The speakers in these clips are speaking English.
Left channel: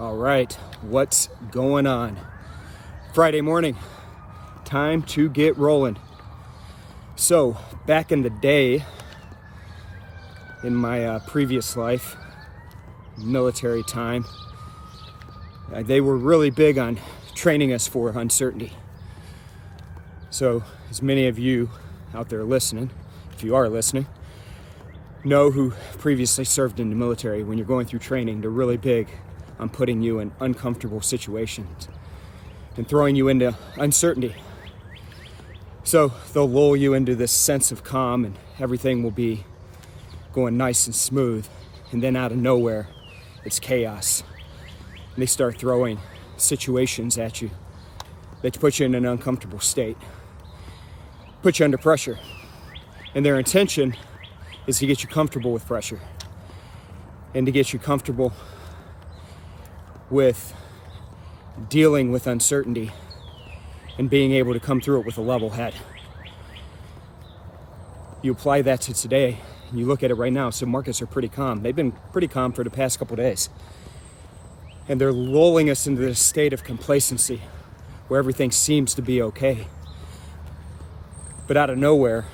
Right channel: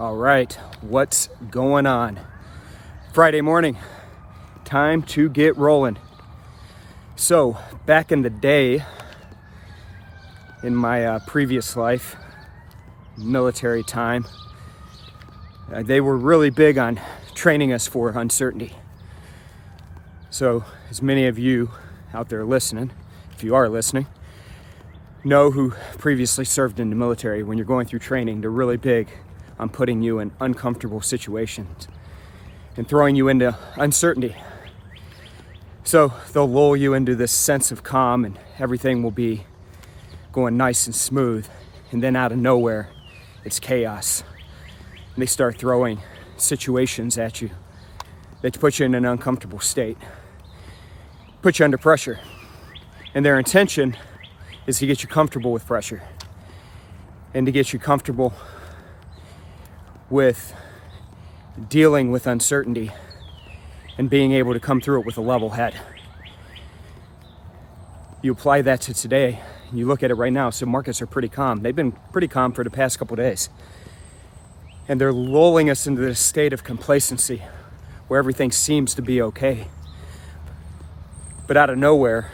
All right, what's going on? Friday morning, time to get rolling. So back in the day, in my previous life, military time, they were really big on training us for uncertainty. So as many of you out there listening, if you are listening, know who previously served in the military, when you're going through training, they're really big on putting you in uncomfortable situations and throwing you into uncertainty. So they'll lull you into this sense of calm and everything will be going nice and smooth. And then out of nowhere, it's chaos. And they start throwing situations at you that put you in an uncomfortable state, put you under pressure. And their intention is to get you comfortable with pressure and to get you comfortable with dealing with uncertainty and being able to come through it with a level head. You apply that to today, and you look at it right now, so markets are pretty calm. They've been pretty calm for the past couple of days. And they're lulling us into this state of complacency where everything seems to be okay. But out of nowhere,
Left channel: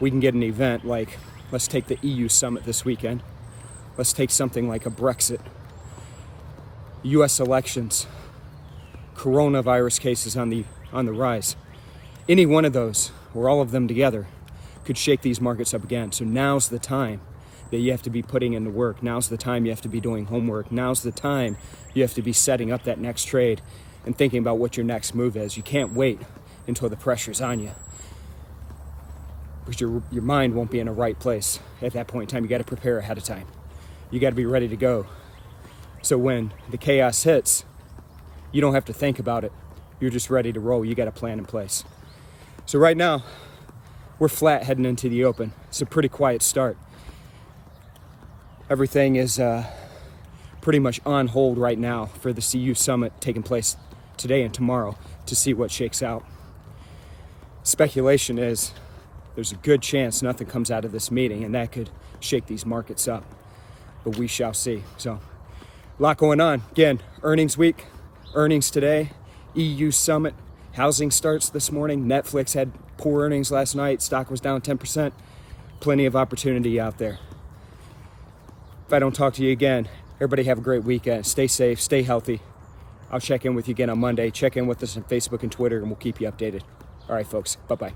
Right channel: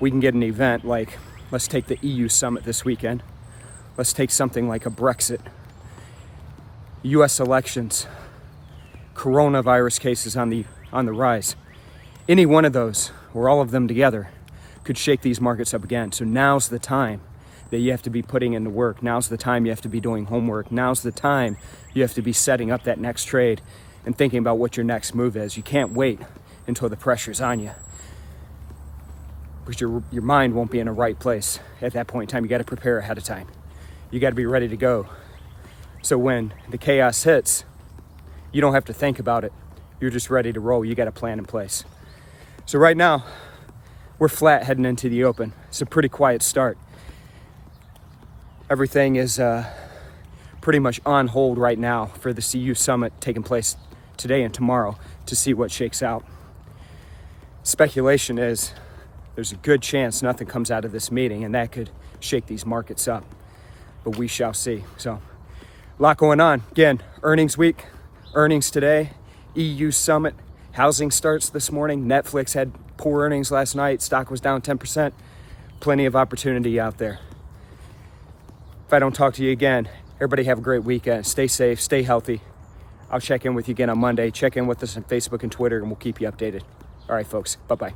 we can get an event like, let's take the EU summit this weekend. Let's take something like a Brexit, US elections, coronavirus cases on the rise. Any one of those, or all of them together, could shake these markets up again. So now's the time that you have to be putting in the work. Now's the time you have to be doing homework. Now's the time you have to be setting up that next trade and thinking about what your next move is. You can't wait until the pressure's on you, because your mind won't be in the right place at that point in time. You got to prepare ahead of time. You got to be ready to go. So when the chaos hits, you don't have to think about it. You're just ready to roll. You got a plan in place. So right now, we're flat heading into the open. It's a pretty quiet start. Everything is pretty much on hold right now for the EU summit taking place today and tomorrow to see what shakes out. Speculation is there's a good chance nothing comes out of this meeting, and that could shake these markets up. But we shall see. So a lot going on. Again, earnings week, earnings today, EU summit, housing starts this morning. Netflix had poor earnings last night. Stock was down 10%. Plenty of opportunity out there. If I don't talk to you again, everybody have a great weekend. Stay safe, stay healthy. I'll check in with you again on Monday. Check in with us on Facebook and Twitter, and we'll keep you updated. All right, folks. Bye-bye.